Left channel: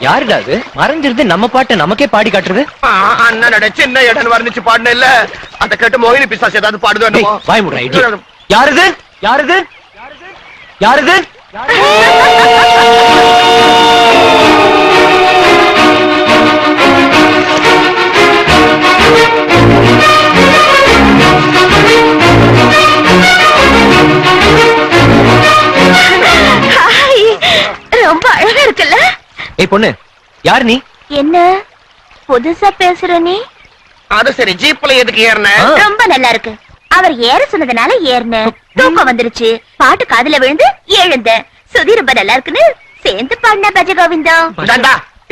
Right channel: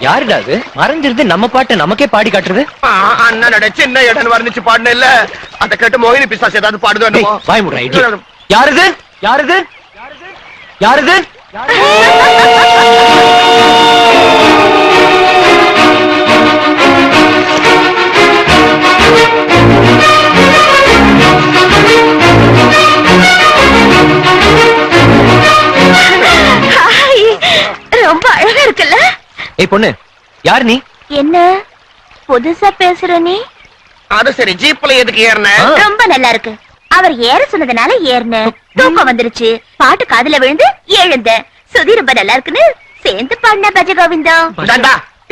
யாருடா அது? மறைஞ்சிருந்து நம்ம பாட்டை நமக்கே பாடி காட்டுறது? ஆ, அண்ணனோட சின்ன இடம் வர்ணிச்சு பாடுன இல்ல அத கேட்டு மோகினி பிசாசு ஏதாவது பாடுதோ வாய் மூடுறா, idiot. யாருது? யாருது? யாருது? ஏய் பொண்ணு யார் நீ? என்ன? புதுசா பேசுற நீ? அது சரி ஜீப்ல எதுக்கு ஏறின. ரொம்ப நல்லா இருக்கு அவர் ஏற சொன்னதுனால ஏறினேன். தூக்கம் வந்துருச்சு. பாட்டு காதுல விழுந்து எழுந்தேன். சுதி ரொம்ப நல்லா இருக்குன்னு சேர்ந்து பாடின பஜ கோவிந்தம்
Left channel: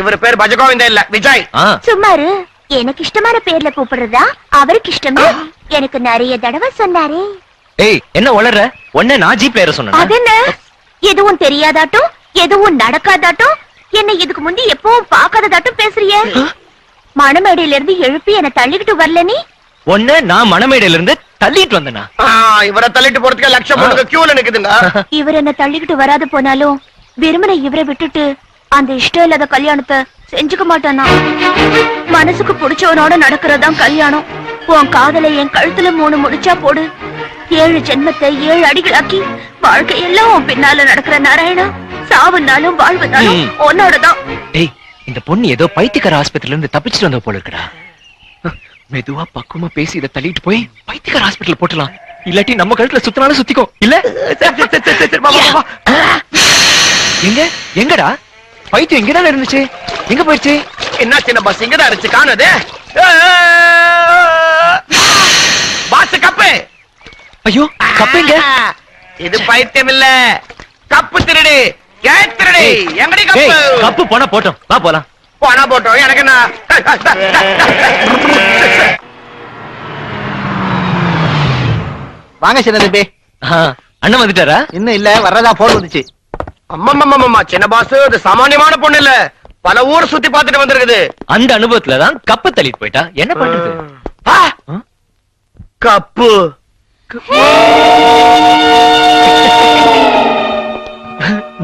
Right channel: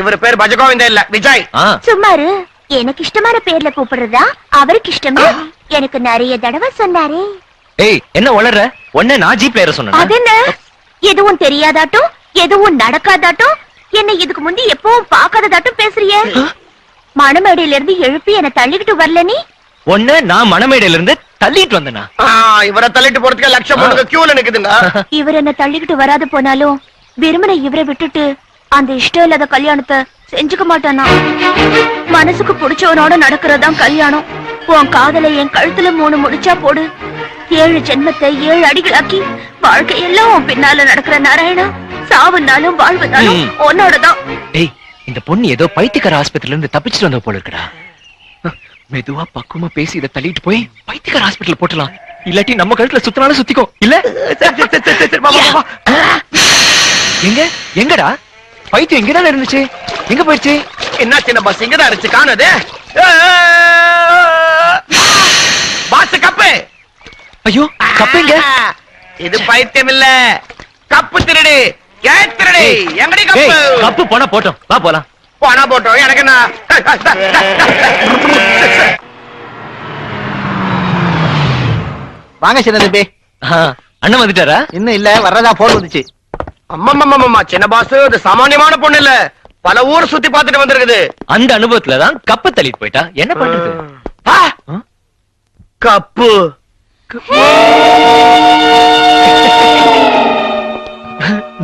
இவர் பேர் பஜகோவிந்தா இல்ல விஜய். சும்மாரு எனக்கு இஷ்டமான பேர்ல கூப்பிடுறதா அவருக்கு இஷ்டமே? எனக்கு நிறைய தடவை சொன்னாரே. ஏய் என்ன வளர்ற உன்ன நான் ஜீப்ல ஏற சொன்னேனா? அதென்ன? எதுவும் தெரியாதாட்டும் எதுவும் நடக்காதாட்டும் என்ன இதுக்கு முந்தி எப்பவும் பார்க்காததாட்டும் பேசுறியே? மணமேடையில இருந்து எழுப்பி என்ன தள்ளிக்கிட்டு வரல நீ? உன்ன நான் மணமேடையில இருந்து தள்ளிட்டு வந்தனா இவரை தள்ளிட்டு போறதுக்கு லட்சம் பொண்ணுங்க கியூல நிக்குதுங்க. இவர் என்ன தள்ளிக்கிட்டு வராது போனாலும் வெறுமனை இவரை விட்டுட்டு அந்த இஷ்டம் இல்லாத கல்யாணத்தை செஞ்சுக்க மாட்டானா? மனசுக்கு பிடிச்சவனோட நடக்கிறதாம் கல்யாணம். உன் காதலை என் கழுத்துல மூணு முடிச்சா போடு. ஏழு ஜென்மத்தை ஏழு அடிகளாக்கி வாழ்க்கையெல்லாம் உன் பின்னால நடக்கிற நாராயணா. சாவுனாலும் வாழ்வுனாலும். உன்னோடதான். டேய் இந்த பொண்ணு ஏதோ பைத்தியக்கார ஆஸ்பத்திரில இருந்து தப்பிச்சிட்டு வந்த போல இருக்கடா மெதுவா பக்குவமா பேசி இதை தள்ளிட்டு போய் பைத்தியக்கார ஹாஸ்பிட்டல் போட்டலாம் இல்லாட்டி நம்ம கழுத்துல சுத்தினாலும் சுத்திக்கோ. இல்ல. எங்க? எங்கடா? பைத்தியம் இங்கதானே இருந்துச்சு. எங்க போயிடுச்சு? என்ன சின்ன பஸ் இங்கதான் இருந்துச்சு காணுது? Boss cup. ஐயோ கப்பைங்க இது பைத்தியம் இல்ல. கப்பு திருடு. ஏய், எங்கடி கப்பு? கப்பு போனா போட்டோம். வா போலாம். போனா போட்டோம் எனக்கு என்ன? வாங்க சின்ன தம்பி. அண்ணன் வந்துட்டாரா? இன்னும் இல்ல வர்றதா போன் வந்துச்சு. அம்மம்மம்மம்மா சின்ன பாஸ் இது சாமானியமான பொண்ணு இல்ல. பல ஊர் சுத்தி பார்த்துட்டு வந்திருக்குது. அந்த அனுபவத்துல தான் கப்பை தள்ளிட்டு போயிட்டா. என்ன பண்றது? ஆ? கப்பு.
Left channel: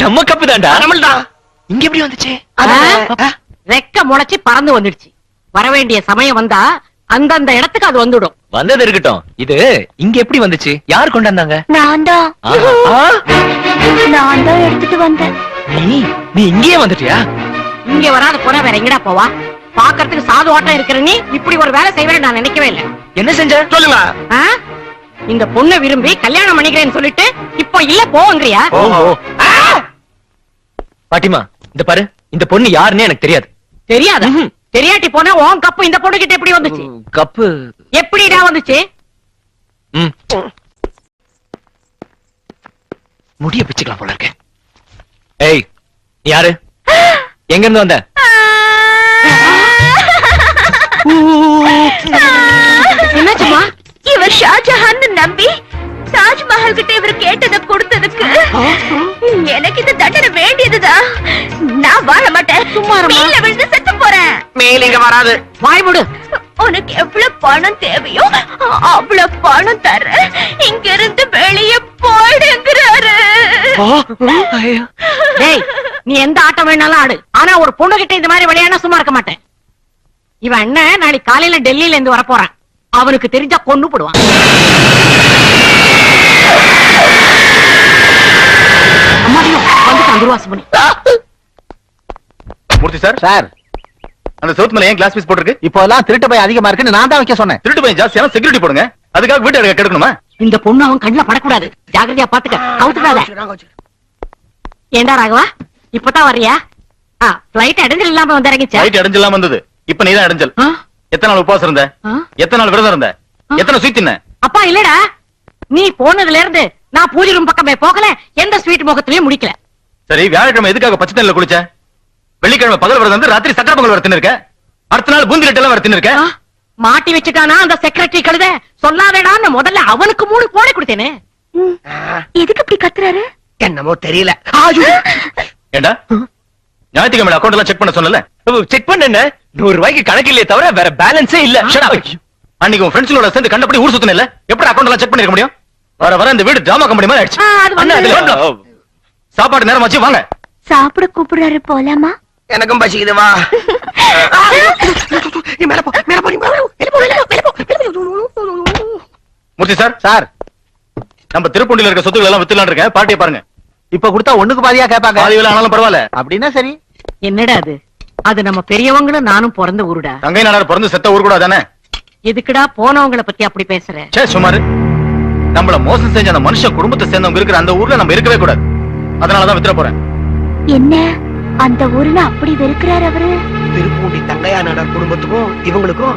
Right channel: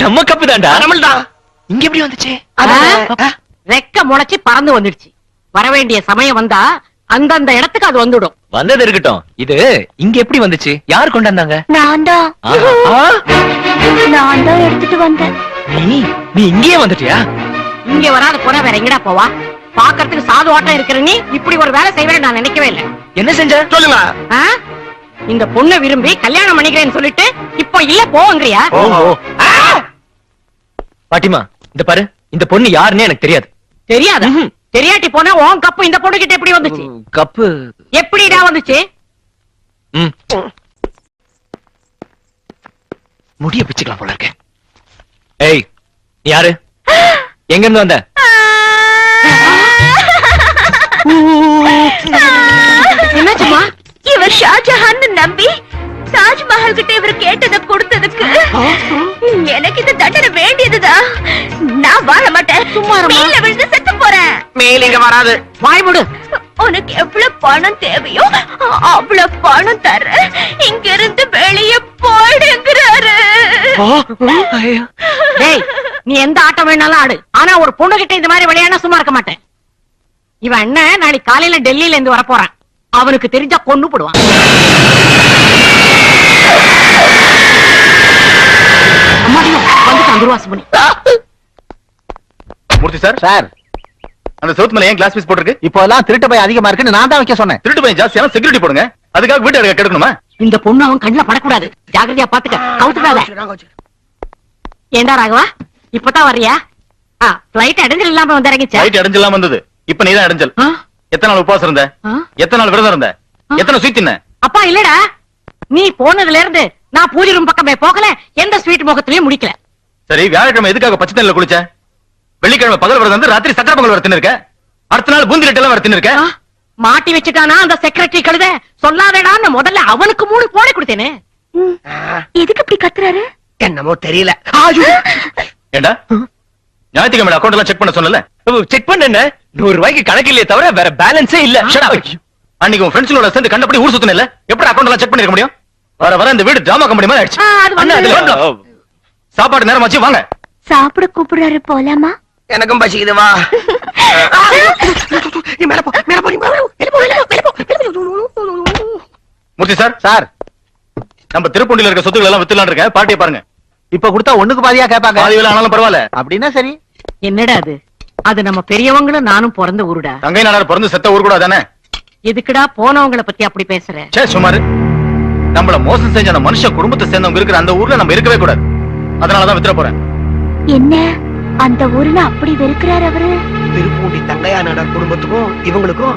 நம்ம கப்பு தான்டா. நம்மள்தான் இங்க எப்படி வந்துச்சு? ரெக்க முளைச்சு பறந்து வந்துடுச்சு. வர வேண்டிய சமயம் வந்தா அந்தந்த இடத்துக்கு அது வந்துடும். வந்தது இருக்கட்டும். இது இங்க எப்படி வந்துச்சு? யார் கொண்டாந்தாங்க? நான் தான் நான் தான் எடுத்துட்டு வந்தேன். நீ நீ இங்கேயே வந்துட்டியா? இங்க வராத போனா வேற எங்கடா போவா? பாக்குறதுக்கு சாது ஓட்டம் இருக்கிற நீ இப்படி ஒரு வேலை செய்வேன்னு நான் நினைக்கவே இல்லை. என்ன செஞ்ச? சொல்லுங்க? இந்த பொண்ணை விரும்பி கல்யாணம் பண்ணிக்கிறேன்னு சொல்லிட்டு இப்போ இல்ல போவங்கிறியா பாட்டிமா இந்த பாரு இந்த பொண்ணு யாருன்னே எனக்கு தெரியாது தெரியாத. தெரியாட்டி போனா உன் கப்பு இந்த பொண்ணு கிட்ட எப்படி வந்துச்சு கப்பு எப்படிடா வந்துச்சு. முடிய பிச்சுக்கலாம் போல இருக்க ஏய் யாரு எங்க இருந்து வந்த என்னாச்சுமா இவர் ஷாஜஹான் நம்பி தாஜ்மஹால் கிட்ட இவர் கேட்டதை கொடுத்ததுக்கு எனக்கு இந்த தண்டனை வேண்டியதுதான் நான் வாழ மாட்டேன். சும்மா விழுந்து செத்து போறேன். மேல் இங்க வராது. வாய் விடு உனக்கு எவ்வளவு பணம் தேவையோ அவ்வளவு பணம் தர இங்க இருந்து வெளியே. டேய் நீ எந்த ஆட்டம் வேணாலும் ஆடு. ஆனா ஒரு பொண்ணு கிட்ட இந்த மாதிரி விளையாட சும்மா இருக்க மாட்டேன். இவன் அண்ணன் நாளைக்கு காலையில டெல்லியில இருந்து வர போறான் அவனுக்கு தெரிஞ்சா கொன்னு போடுவான். அம்மாடியோ வந்துட்டான் துர்வாசமணி மூர்த்தி சார். சார். அந்த சவுத் மேல ஏன் கிளாஸ் பீஸ் போட்டிருக்கு? இப்போ எல்லாம் திருட்டு பை அதிகமா இருக்குன்னு நான் தான் வைக்க சொன்னேன். திருட்டு பையன் ஜாஸ்தியான செக்யூரிட்டி போடுங்க. அதுக்காக வீட்டு அடக்க கெடுக்கணுமா? இந்த பொண்ணு அவன் கண்ணுல படக்கூடாது. ஜாக்கிரதையா பாத்துக்க. கவுத்துடாத. ஏண்டா ராகவா? இப்பதான் வர்றியா? ஆ பிளைட் அடைஞ்சல் இல்லாம வந்து இறங்கிச்சா? லைட் அடைஞ்சலாம் வந்தது. இப்ப நீதான் அடைஞ்சல்? எத்தனை நாள் உபவாசம் இருந்த? எத்தனை நாள் விரதம் இருந்த? எத்தனை தின்ன அப்பா இல்லடா. நீ போனதுல இருந்து நான் பூஜை ரூம் பக்கமே போகல எந்த ஸ்வீட் முகத்திலயும் முடிக்கல. சரி வியாழக்கிழமை எதுக்காக பச்சை தண்ணில குளிச்ச? வெள்ளிக்கிழமை பகல் விரதம் வந்து ராத்திரி சக்கரை பொங்கல் வர தின்னு இருக்க அடுத்த நாள் பூந்தி எல்லாம் வர தின்னு இருக்க? மாட்டி வச்சுட்டானா அந்த செக்ரட்டரி கழுத? சொல்லாதடான்னு முதல்ல அவனுக்கு மூணு போட கொடுத்தேனே. எதுக்கு இப்படி கத்துறாரு? என்னமோ தெரியல. ஏண்டா? ஞாயிற்றுக்கிழமை அக்கௌண்ட் எல்லாம் செக் பண்ண சொன்னல? செக் பண்ண நூறு ரூபாய்க்கு கணக்கு இல்லையே தவிர வேற பேலன்ஸே இல்ல. அன்னைக்கு உன் ஃப்ரெண்ட்ஸோட சேர்ந்து கண்டபடி ஊர் சுத்தின இல்ல எப்படி அக்கௌண்ட் எல்லாம் செக் பண்ணிருக்க முடியும்? வர வர இந்த வீடு டிராமா கம்பெனி மாதிரி ஆயிடுச்சு. சாப்பாடு நேரம் ஆச்சு வாங்க. சாப்பிட கூப்பிடுறாரு போலாமா? எனக்கும் பசிக்குது வா. மூர்த்தி சார். சார். நம்ம திருப்பூண்டில இருக்க சொத்துக்கள் எல்லாம் வித்துலாம் இருக்கேன். பாட்டியை பாருங்க. இப்ப கொடுத்தா ஒண்ணுக்கு பாதியா கேட்பாங்க. பாதி வேலை ஆனாலும் பரவாயில்ல. அப்படின்னா சரி. என்னடா அது? அது நம்ம பெரியவங்களும் நானும் பிறந்த ஊருடா. தங்கை நாடார் பிறந்து செத்த ஊர் கூட தானே எதுக்குடா போனவங்கள பத்தி அப்படி பேசுற? சே சுமாரு நம்மள மோசம் செஞ்ச அந்த மனுஷ குடும்பத்தை சேர்ந்தவங்க இருக்கிற அந்த ஊர்ல நம்ம இருக்கவே கூடாது. அதனாலதான் வித்துற போறேன். என்ன? அந்த ஊர்ல அப்படி வெறுக்கிறார் அவரு? திருப்பூண்டி தங்கையா நாடார் குடும்பத்துக்கும் இவங்களுக்கும்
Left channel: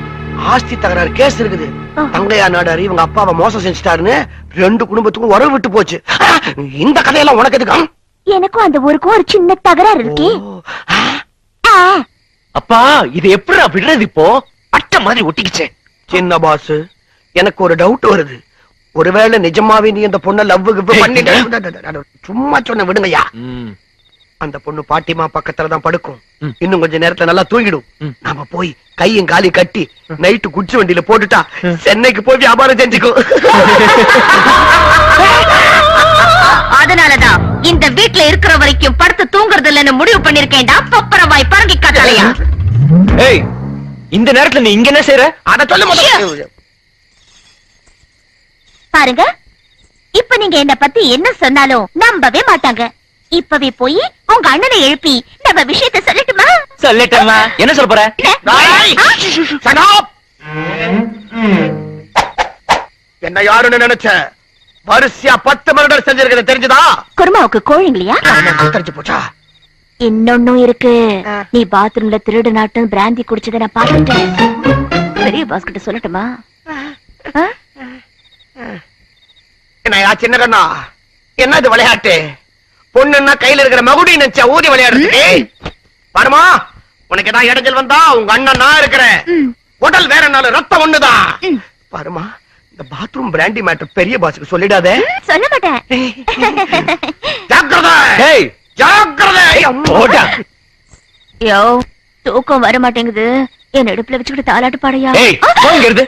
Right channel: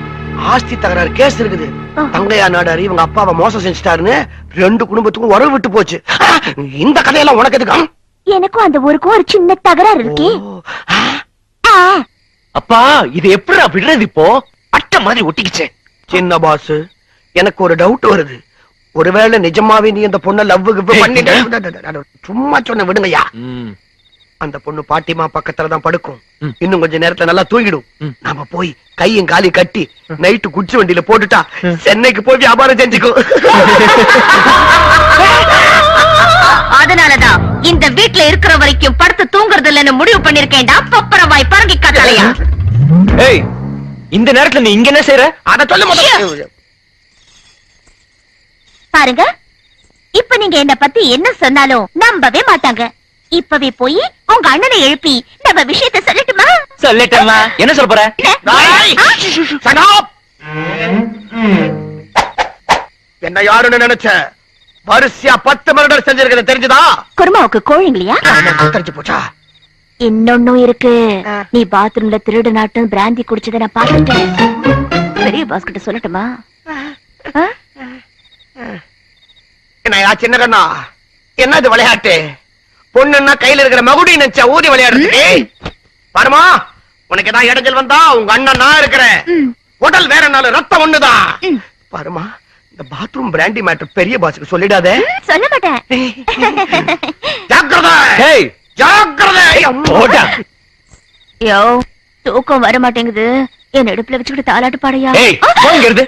ஆஸ்தி தகராறு கேஸ் இருக்குது. தங்கையா நாடார் இவங்க அப்பாவை மோசம் செஞ்சுட்டாருன்னு ரெண்டு குடும்பத்துக்கும் உறவு விட்டு போச்சு. இந்த கதையெல்லாம் உனக்கு எதுக்கு? எனக்கும் அந்த ஊருக்கும் ஒரு சின்ன தகராறு இருக்கே. அப்பா இது எப்படிடா விடுறது இப்போ? அட்டை மாதிரி ஒட்டிக்கிச்சே. சின்ன பாஸ் எனக்கு ஒரு டவுட் வருது. ஒருவேளை நிஜமாவே நீ அந்த பொண்ண லவ் பண்ணிட்டு சும்மா சொன்ன விடுங்கய்யா. அந்த பொண்ணு பாட்டிமா பக்கத்துல தான் படுக்கும். இன்னும் கொஞ்ச நேரத்துல நல்லா தூங்கிடும். நாம போய் கையும் காலி கட்டி நைட்டு குச்சி வண்டியில போட்டுட்டா சென்னைக்கு போய் வியாபாரம் செஞ்சுக்கோ. அதனாலதான் இந்த வீட்ல இருக்கிற வரைக்கும் படுத்து தூங்குறது இல்லைன்னு முடிவு பண்ணிருக்கேன்டா. பப்பரவாய் பறங்கி காட்டாலையா ஏய் இந்த நேரத்துல நீ இங்க என்ன செய்யற அத சொல்ல முதல்ல. பாருங்க. இப்ப நீங்க என்ன பத்தி என்ன சொன்னாலும் நம்பவே மாட்டாங்க. இப்பவே போய் உங்க அண்ணனை எழுப்பி நம்ம விஷயத்த சொல்லட்டுமா? சொல்லட்டேம்மா. என்ன சொல்ல போற. என்ன? யாருன்னு நினைச்ச? வரிசையா பத்து மர்டர் செஞ்சிருக்கிறது தெரிஞ்சுதா? குருமாவுக்கு கோழிங்களையா தெரிஞ்சு போச்சா? இன்னொன்னும் இருக்கு. நீ பாத்ரூம்ல திருடு நாட்டும் பிராந்தி குடிச்சதை நான் பாத்துட்டேன் பெரிய பாஸ் கிட்ட சொல்லட்டுமா? என்னையா சின்ன கண்ணா? என்ன இது விளையாட்டு? பொண்ணுன்னா கையில இருக்கிற மகுடி நினைச்சா ஊதி விளையாடுறது பாருமா உனக்கு ஏதாவது இடைஞ்சல் வந்தா உங்க அண்ணன் நான் இருக்கிறேன். உடல் வேற நாள் ரத்தம் ஒண்ணுதான். பாருமா இந்த பாத்ரூம் பிராண்டி மேட்டர் பெரிய பாஸுக்கு சொல்லிடாதே. சொல்ல மாட்டேன். ஜாக்கிரதை. ஏய். ஜாக்கிரதை. யோ தூக்கம் வர மாட்டேங்குது. என் இடுப்புல வச்சுக்கிட்டு தாலாட்டு பாடையா போங்கிறது.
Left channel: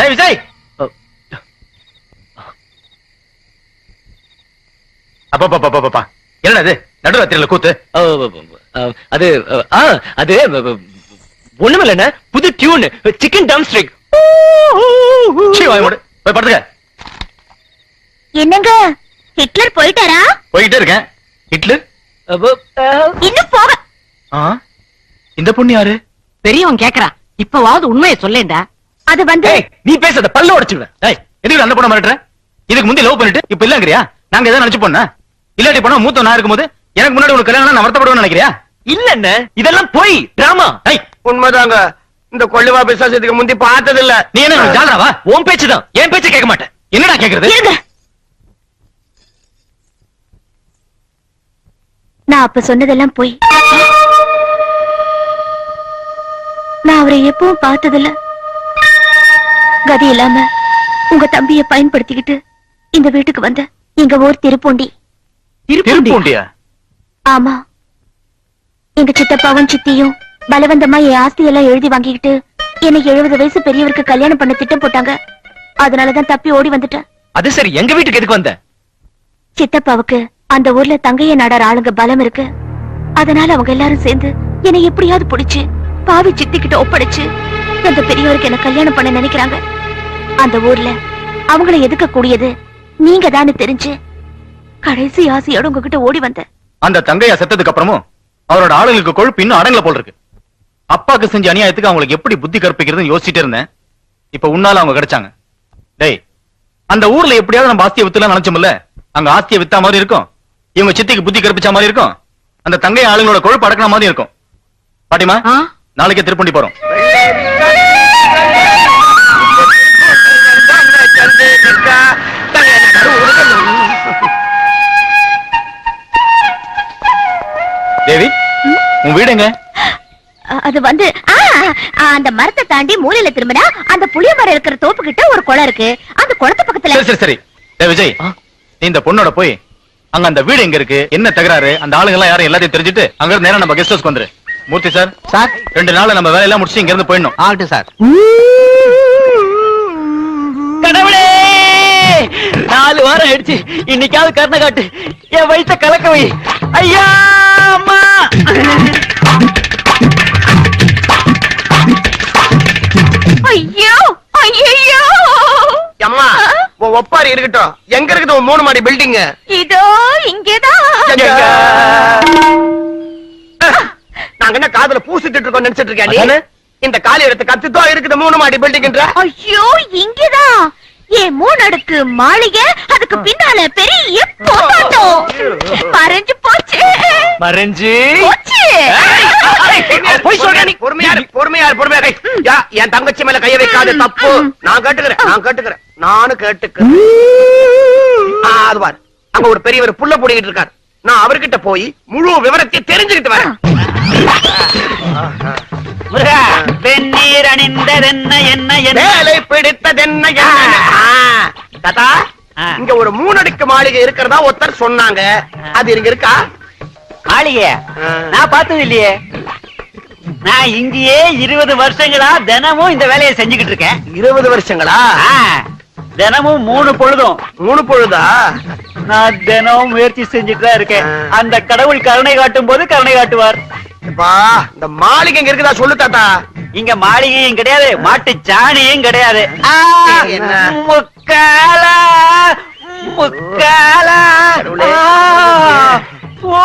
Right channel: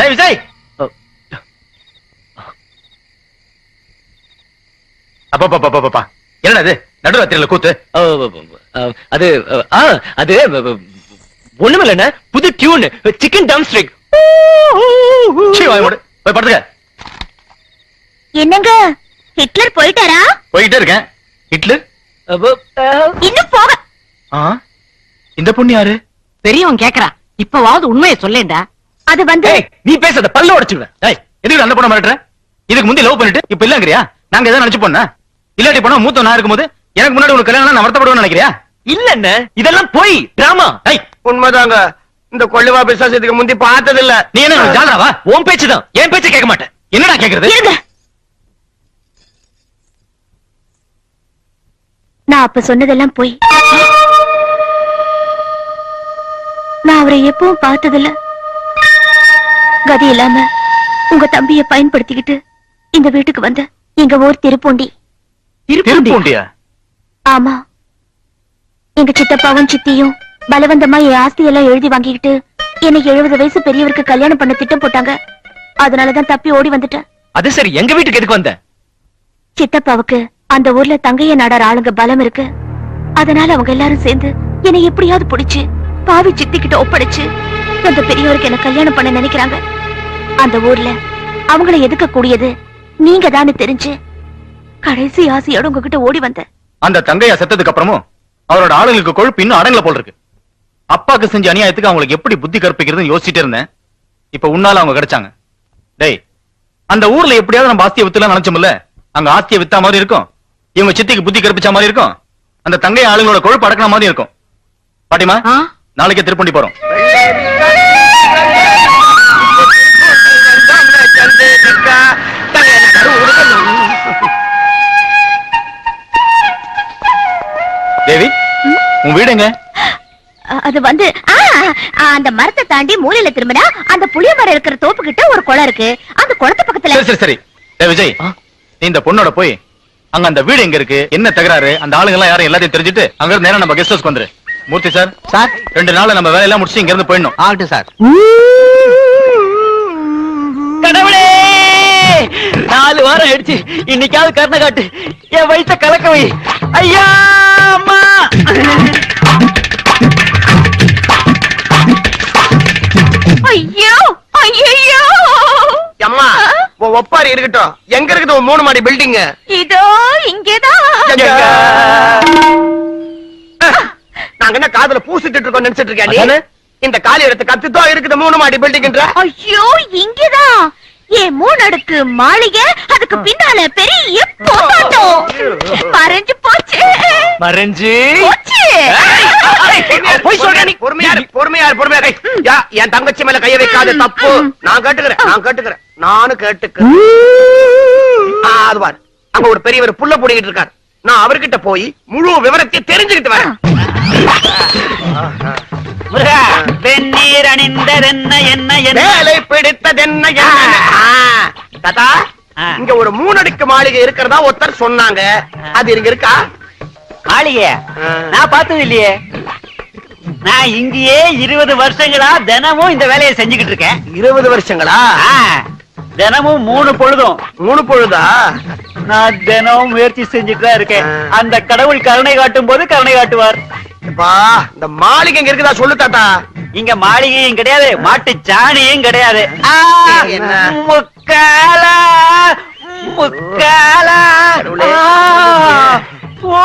டேய் விஜய்! அப்பா என்னடா நடுராத்திரியில கூத்து. அது அது ஒண்ணுமில்ல புது டியூன். சிக்கன் டம் ஸ்ட்ரிக் சீ, வாய் மூடு. போய் படுத்துக்க. என்னங்க? ஹிட்லர் போயிட்டாரா? போய்கிட்டே இருக்கேன். ஹிட்லர்? இன்னும் போக. ஆ? இந்த பொண்ணு யாரு? பெரியவன் கேக்குறான். இப்பவாவது உண்மையை சொல்லேன்டா. அது வந்து ஏய் நீ பேசாத பல்ல உடைச்சிடுவேன் ஏய் எதுக்கு அந்த பொண்ணை மிரட்டுற? இதுக்கு முந்தி லவ் பண்ணிட்டு இப்ப இல்லங்கறியா? நாங்க எதாவது நினைச்சு போனா? இல்லாட்டி போனா மூத்த நான் இருக்கும்போது எனக்கு முன்னாடி உனக்கு கல்யாணம் நான் வருத்தப்படுவேன்னு நினைக்கிறியா? இல்ல என்ன இதெல்லாம் போய் டிராமா ஏய் உண்மைதாங்க. இந்த கொள்ளுவா பிசாசத்துக்கு முந்தி பார்த்தது இல்ல நீ என்ன ஜாலராவா? உன் பேச்சுதான் என் பேச்ச கேட்க மாட்டேன். என்னடா கேக்குறது? நான் அப்ப சொன்னதெல்லாம் போய். நான் அவரை எப்பவும் பார்த்ததில்ல. கதி இல்லாம உங்க தம்பிய பயன்படுத்திக்கிட்டு இந்த வீட்டுக்கு வந்த எங்க ஊர் திருப்பூண்டி. திருப்பூண்டியா? ஆமா. எங்க சித்தப்பாவும் சித்தியும் பலவந்தமா என் ஆஸ்தி எல்லாம் எழுதி வாங்கிக்கிட்டு என்னை எழுபது வயசு பெரியவருக்கு கல்யாணம் பண்ண திட்டம் போட்டாங்க. அதனாலதான் தப்பி ஓடி வந்துட்டேன். அது சரி எங்க வீட்டுக்கு எதுக்கு வந்த? சித்தப்பாவுக்கு அந்த ஊர்ல தங்கைய நாடார் ஆளுங்க பலம் இருக்கு. அதனால அவங்க எல்லாரும் சேர்ந்து என்னை எப்படியாவது பிடிச்சு பாவி சித்திக்கிட்ட ஒப்படைச்சு அந்த பெரியவருக்கு என்ன கல்யாணம் பண்ண நினைக்கிறாங்க. அந்த ஊர்ல அவங்கள எதுக்க கூடியது? நீங்க தானே தெரிஞ்சு கடைசி ஆசையோட உங்ககிட்ட ஓடி வந்தேன். அந்த தங்கையா செத்ததுக்கு அப்புறமும் அவரோட ஆளுங்களுக்கு கொழுப்பு இன்னும் அடங்கல போல் இருக்கு. அப்பாக்கு செஞ்ச அநியாயத்துக்கு அவங்களுக்கு எப்படி புத்தி கற்பிக்கிறதுன்னு யோசிச்சுட்டே இருந்தேன். இப்ப உன்னால அவங்க கிடைச்சாங்க. டேய் அந்த ஊர்ல எப்படியாவது நம்ம ஆஸ்தியை வித்துலாம் நினைச்சோம்ல? அங்க ஆஸ்தியை வித்தா மாதிரி இருக்கும். இவங்க சித்திக்கு புத்தி கற்பிச்ச மாதிரி இருக்கும். அந்த தங்கை ஆளுங்களோட கொழுப்பு அடக்கின மாதிரி இருக்கும். பாட்டிமா? நாளைக்கே திருப்பண்டி போறோம். தேவி உன் வீடு எங்க? அ- அது வந்து அந்த மரத்தை தாண்டி மூலையில திரும்பினா அந்த புளிய மரம் இருக்கிற தோப்பு கிட்ட ஒரு குளம் இருக்கு. அந்த குளத்து பக்கத்துல சரி சரி விஜய்? நீ இந்த பொண்ணோட போய் அங்க அந்த வீடு எங்க இருக்கு? என்ன தகராறு? அந்த ஆளுங்க எல்லாம் யாரும் எல்லாத்தையும் தெரிஞ்சுட்டு அங்க இருந்து நேரா நம்ம கெஸ்ட் ஹவுஸ்க்கு வந்துரு. Murthy sir sir. ரெண்டு நாள்ல நம்ம வேலையெல்லாம் முடிச்சு இங்க இருந்து போயிடணும். ஆகட்டும் சார். கடவுளே நாலு வாரம் ஆயிடுச்சு. இன்னைக்காவது கருணை காட்டு. என் வயித்த கலக்க வை. ஐயா அம்மா. ஐயோ ஐயோ அம்மா உன் ஒப்பாரி இருக்கட்டும். எங்க இருக்குது உன் மூணு மாடி பில்டிங் இதோ இங்கேதான் நாங்க என்ன காதுல பூசிட்டு இருக்கோம் நினைச்சிட்டு இருக்கேன் நீ? இந்த காலி இடத்து கத்துத்தோ இருக்குது மூணு மாடி பில்டிங்ன்ற ஐயோ இங்கேதான் ஏன் மூணடுக்கு மாளிகை? அதுக்கு பின்னால பெரிய போட்டாட்டம் மறைஞ்சு போச்சு. மறைஞ்சு போச்சு. போய் சொல்ற நீ. பொறுமையா இரு, பொறுமையா இரு, பொறுமையா இரு. யா, என் தங்கச்சி மேல கைய வைக்காத தப்பு. நான் கேட்டுக்கிறேன் நான் கேட்டுக்கிறேன். நானும் கேட்டுக்கிறேன். அது பாரு. அங்க ஒரு பெரியவர் புள்ள புடிக்கிட்டு இருக்காரு. நான் அவர்கிட்ட போய் முழு விவரத்தை தெரிஞ்சுக்கிட்டு வரேன். வெந்நீர் அணிந்ததென்ன என்ன வேலை பிடித்ததென்ன தாத்தா? இங்க ஒரு மூணடுக்கு மாளிகை இருக்கிறதா ஒருத்தர் சொன்னாங்க. அது இங்க இருக்கா? மாளிகைய? நான் பார்த்தது இல்லையே. நான் இங்கேயே இருபது வருஷங்களா தினமும் இந்த வேலையை செஞ்சுக்கிட்டு இருக்கேன். இருபது வருஷங்களா? தினமும் மூணு பொழுதும். மூணு பொழுதா? நான் தினமும் முயற்சி செஞ்சுட்டு தான் இருக்கேன். அந்த கடவுள் கருணை காட்டும் போது கருணை காட்டுவார். அப்பா இந்த மாளிகை இங்க இருக்குதா சொல்லு தாத்தா. இங்க மாளிகையும் கிடையாது மாட்டு சாணியும் கிடையாது? முக்காலா முக்காலா. ஓ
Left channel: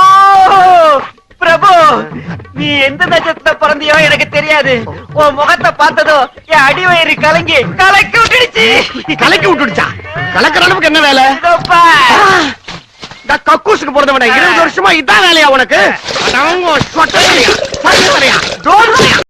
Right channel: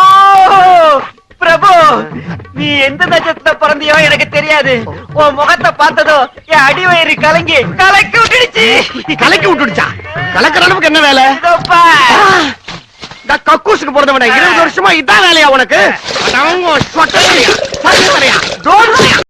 பிரபு நீ எந்த நட்சத்திரத்துல பிறந்தியோ எனக்கு தெரியாது. உன் முகத்தை பார்த்ததோ என் அடிவயிறு கலங்கி கலக்கி விட்டுடுச்சு. கலக்கி விட்டுடுச்சா? கலக்கிற அளவுக்கு என்ன வேலை. இந்த கக்கூசுக்கு பிறந்தவன இருபது வருஷமா இதான் வேலையா உனக்கு?